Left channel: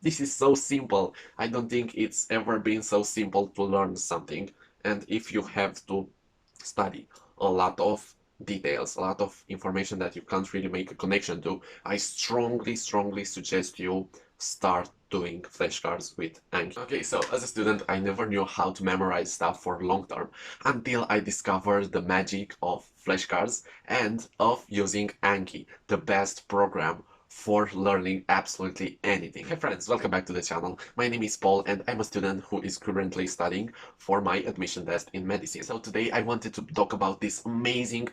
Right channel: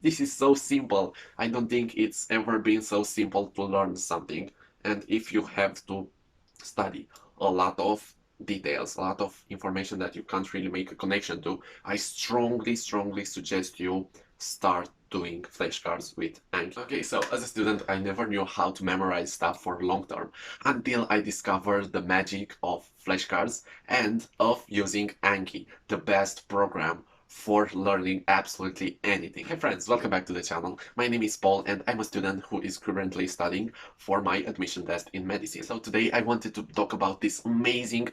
This is so simple. I don't think it's ever been so simple to learn something. And if you have to study a lot of details, a lot of information that you can't really make a connection to, I strongly suggest you start doing flashcards with Anki. Okay, so as a student, I never knew how to memorize stuff for long term until I discovered the magic of flashcards and of using Anki, the best program for learning absolutely anything. Hi friends, welcome back to the channel. My name is Paul and I'm a student who is currently studying for my admission test in medicine. So today I wanted to talk about this amazing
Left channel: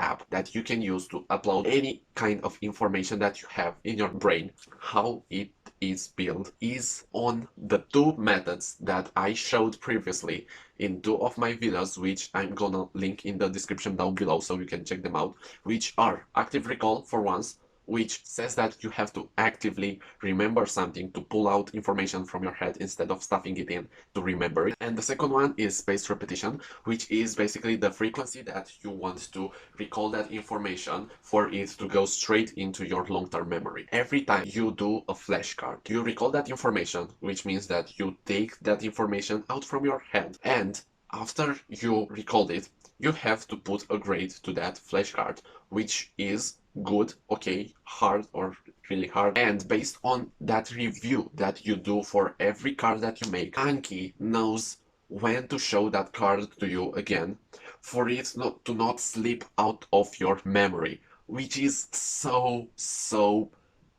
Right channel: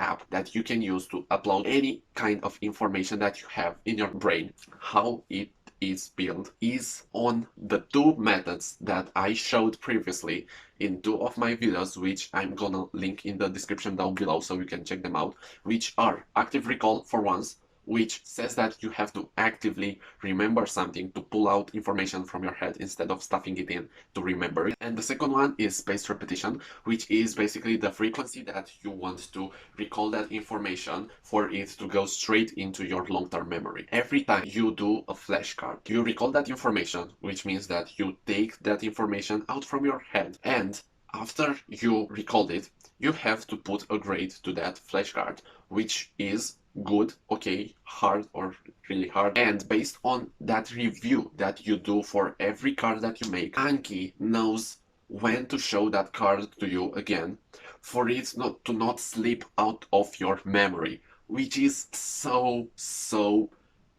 app that you can use to upload any kind of information that you have in your brain. How it is built is on the two methods that I showed previously in two of my videos, which I'm gonna link in the description down below so you can check them out, which are active recall for once, which says that you have to actively remember something to pull out information from your head instead of stuffing it in to remember it. And the second one is spaced repetition, which is basically the frequency that you want to recall that information for it to go straight into your long-term memory. Every time you do a flashcard, you recall that information, which means that you take that information out from your head, and after you recall it, you have to put a grade to that flashcard, which is good, okay, hard, or really hard. And based on that review that you do for every card that you make, Anki knows when to show that card to you again for it not slip out of your memory, which is so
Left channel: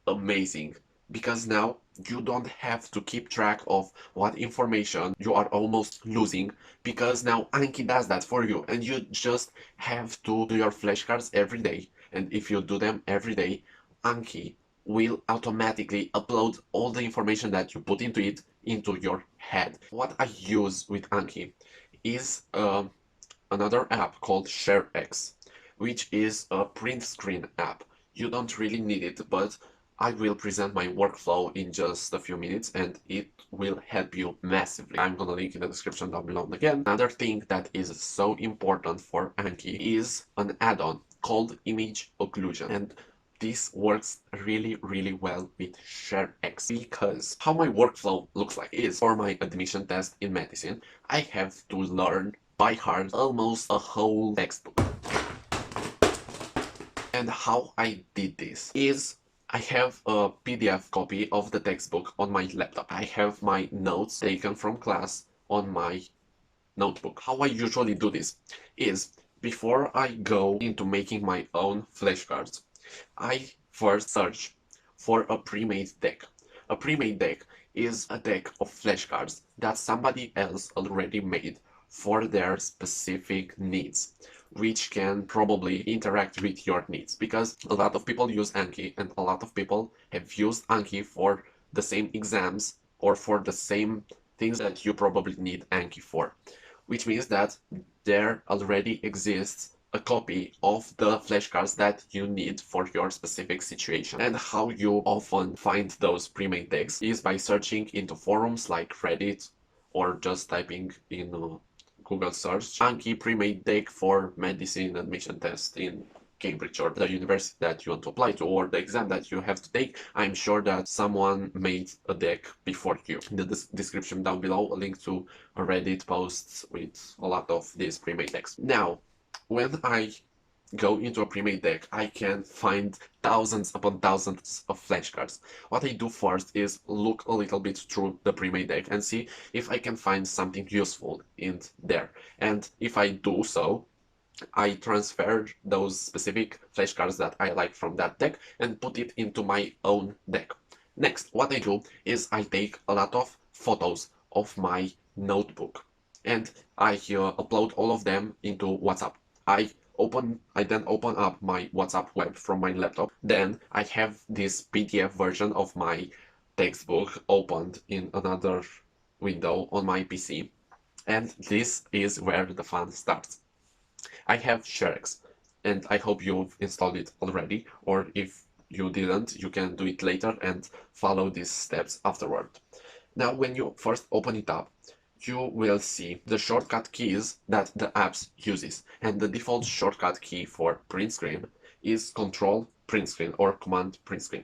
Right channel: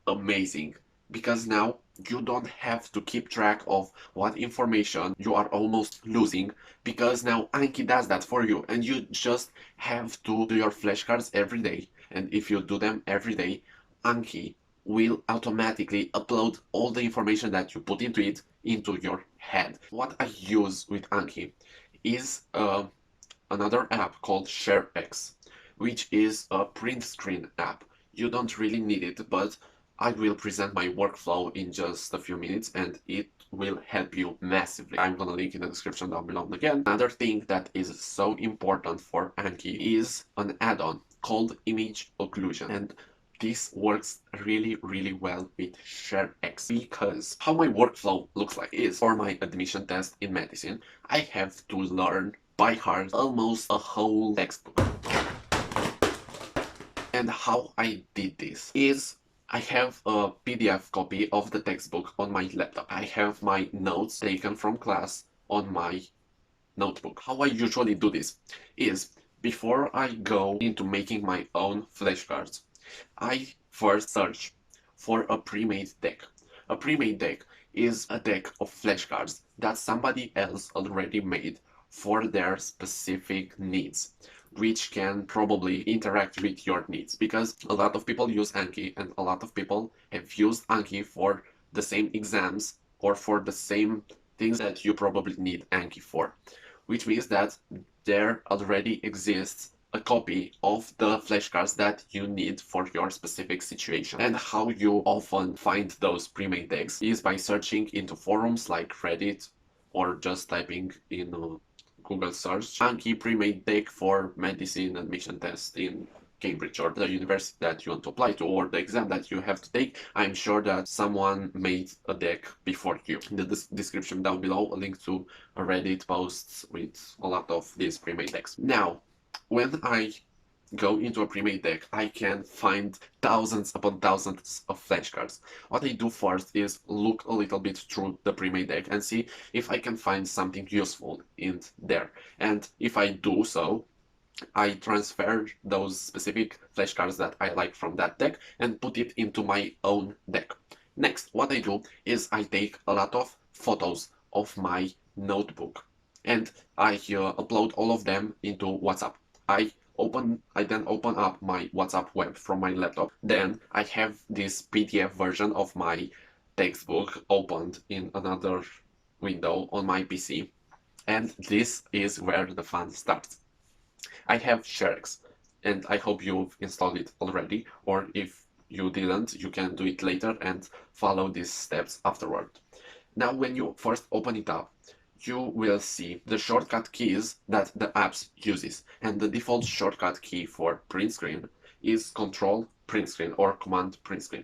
amazing, because now you don't have to keep track of what information you are almost losing, because now Anki does that for you and you just have to do your flashcards every day. And if you do them every day, Anki will automatically upload all the information that you put into it into your head. What I use with Anki is another app called ShareX, which is a print screen app. You don't really need it, but I will present my workflow in just a few minutes and it will help you massively. I'm gonna link in the description down below again. Another thing that is so important for Anki is an add-on called Image Occlusion. And this works really well with ShareX, because how my workflow looks like is for my admission test in medicine, I have to learn by heart almost a whole textbook. And how I did this is I have a PDF copy of the textbook on my laptop. I have my notes taken from class on my notebook. How I usually do this is before I go into making my own flashcards, I first search for a pre-made deck. A pre-made deck is a deck of flashcards that somebody else already made for their specific needs, which can probably interact with your needs, because a lot of people use Anki and a lot of people have used Anki for the same exams or for the same things that you probably need Anki for, which means that there already exists a copy of the flashcards that you need for your specific situation. And how you often find those pre-made decks is by searching into forums like Reddit, or just typing in Google search Anki pre-made deck for medicine admission test in Cambridge, or the university that you want to apply to, or the exam that you have to take. I'm sure that someone made a deck before you. In the description down below, a link to a Reddit posts with a lot of these pre-made decks. Now, when I go into a pre-made deck, I can find thousands upon thousands of flashcards. What I do first is look a little bit through the pre-made deck and see if I can find something useful in there. And if I do so, I transfer those specific flashcards that I like from that deck and put it into my own deck. Next, what I do is I take a lot of photos of my notebook and I upload all of them into WhatsApp. I then open up my WhatsApp web from my laptop. Then I have this PDF version of my textbook opened in another window on my PC. And this is where the fun starts. I have ShareX, and I hope you've installed it already, or if you didn't, you can do it later and follow these steps afterward. Now, when you first open it up, you will see the shortcut keys that the app uses, and the default shortcut key for print screen is Control Print Screen or Command Print Screen.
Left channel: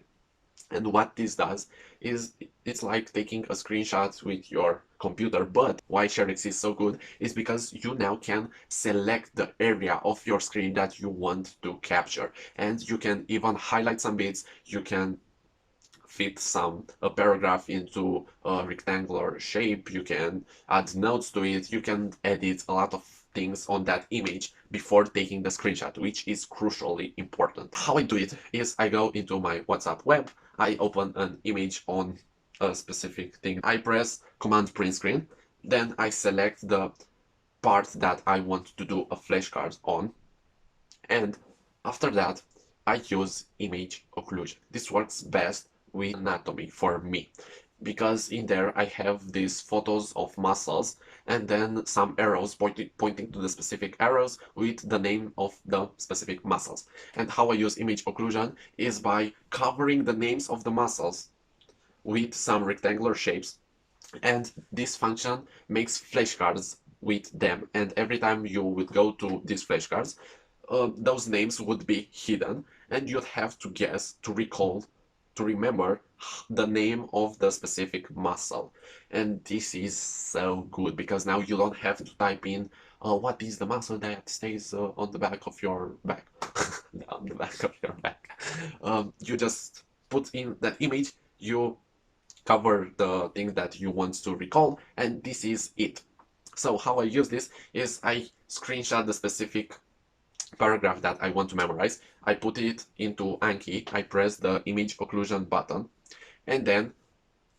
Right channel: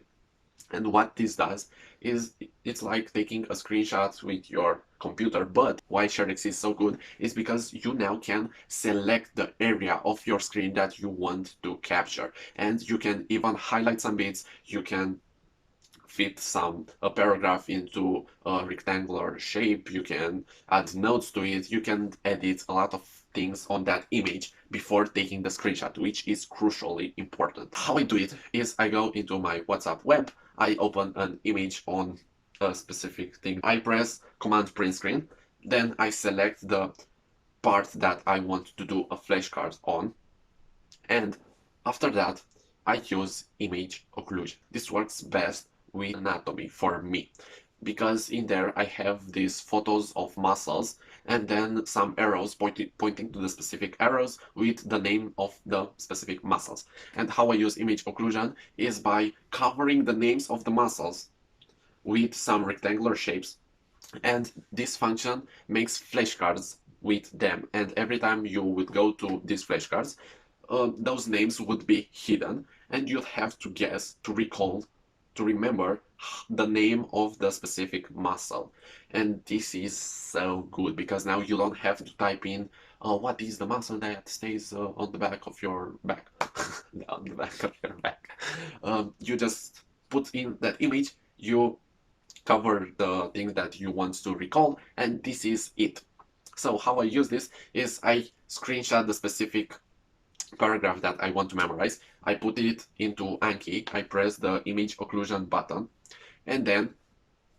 And what this does is it's like taking a screenshot with your computer. But why ShareX is so good is because you now can select the area of your screen that you want to capture, and you can even highlight some bits. You can fit a paragraph into a rectangular shape. You can add notes to it. You can edit a lot of things on that image before taking the screenshot, which is crucially important. How I do it is I go into my WhatsApp web, I open an image on a specific thing, I press Command Print Screen, then I select the part that I want to do a flashcard on, and after that I use Image Occlusion. This works best with anatomy for me, because in there I have these photos of muscles and then some arrows pointing to the specific arrows with the name of the specific muscles. And how I use Image Occlusion is by covering the names of the muscles with some rectangular shapes, and this function makes flashcards with them, and every time you would go to these flashcards, those names would be hidden, and you'd have to guess, to recall, to remember the name of the specific muscle. And this is so good because now you don't have to type in what is the muscle that stays on the back of your back, on the back of your back. You just put in that image, you cover the thing that you want to recall, and this is it. So how I use this is I screenshot the specific paragraph that I want to memorize. I put it into Anki, I press the Image Occlusion button, and then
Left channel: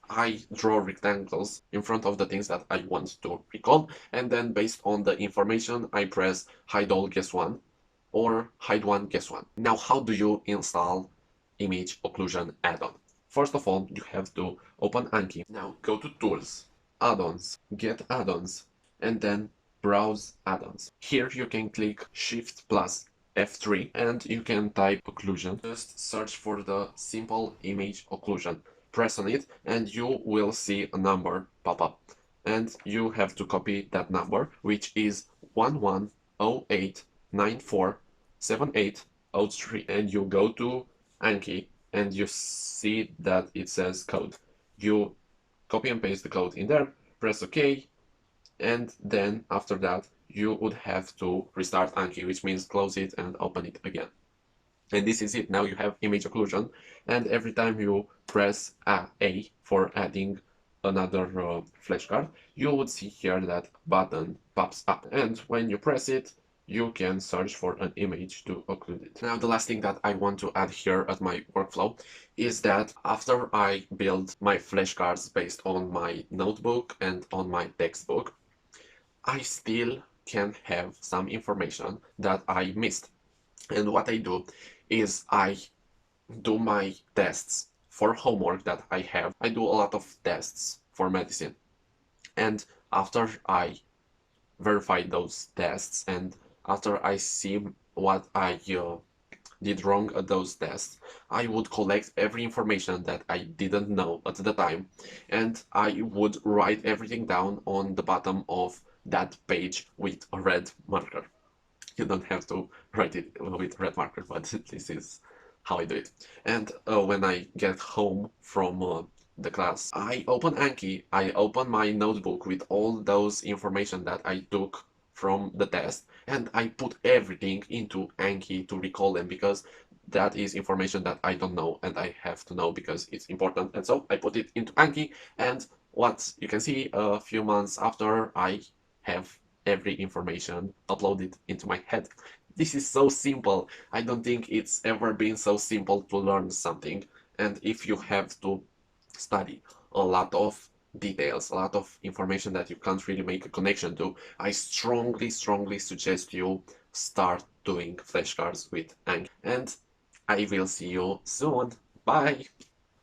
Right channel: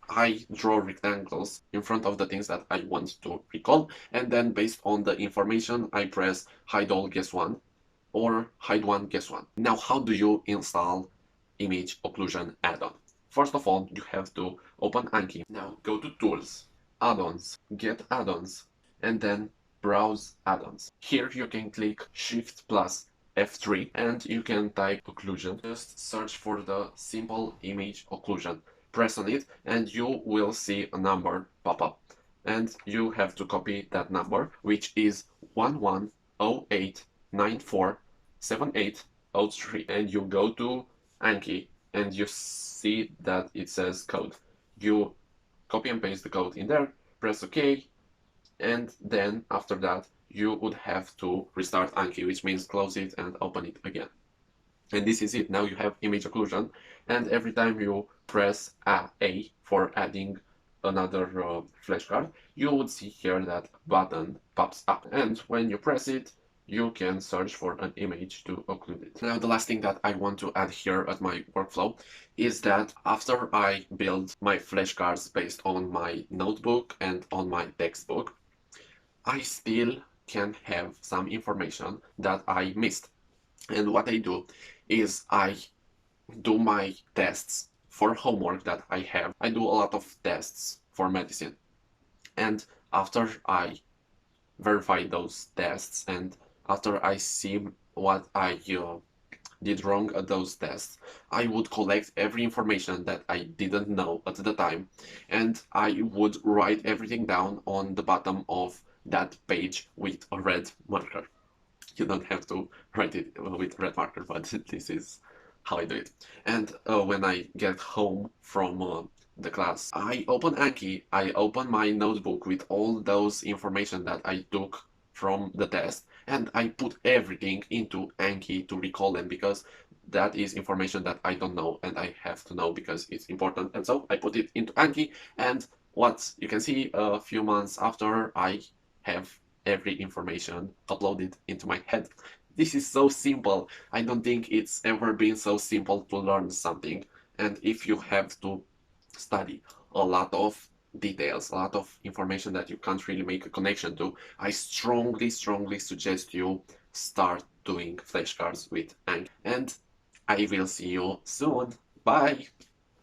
I draw rectangles in front of the things that I want to recall, and then based on the information I press hide all guess one or hide one guess one. Now how do you install Image Occlusion add-on? First of all, you have to open Anki. Now go to Tools, Add-ons, Get Add-ons, and then Browse Add-ons. Here you can click Shift plus F3 and you can type occlusion. Just search for the simple image occlusion. Press on it and you will see a number pop up. And you have to copy that number, which is 1108947803. And you go to Anki and you see that it says code. You copy and paste the code in there, press OK, and then after that you would have to restart Anki, which means close it and open it again. And this is it. Now you have image occlusion, and every time you press A for adding another flashcard, you would see here that button pops up, and when you press it, you can search for an image to occlude it. Now the last thing that I want to add here at my workflow is that after I build my flashcards based on my notebook and on my textbook, I still can have some information that I missed. And what I do is I do my tests for homework that I have. I do a lot of tests for medicine. And after I verify those tests and after I see what I did wrong at those tests, I would collect every information that I didn't know at the time, and I would write everything down on the bottom of that page with a red marker. You don't have to write it with red marker, but this is how I do it. And when I get home from the class, I open Anki, I open my notebook with all those information that I took from the test, and I put everything into Anki to recall them, because that is information that I don't know and I have to know because it's important. And so I put it into Anki, and what you can see a few months after, I have every information uploaded into my head. This is so simple. I don't think it's ever been so simple to learn something. And if you have to study a lot of details, a lot of information that you can't really make a connection to, I strongly suggest you start doing flashcards with Anki. And I will see you soon. Bye!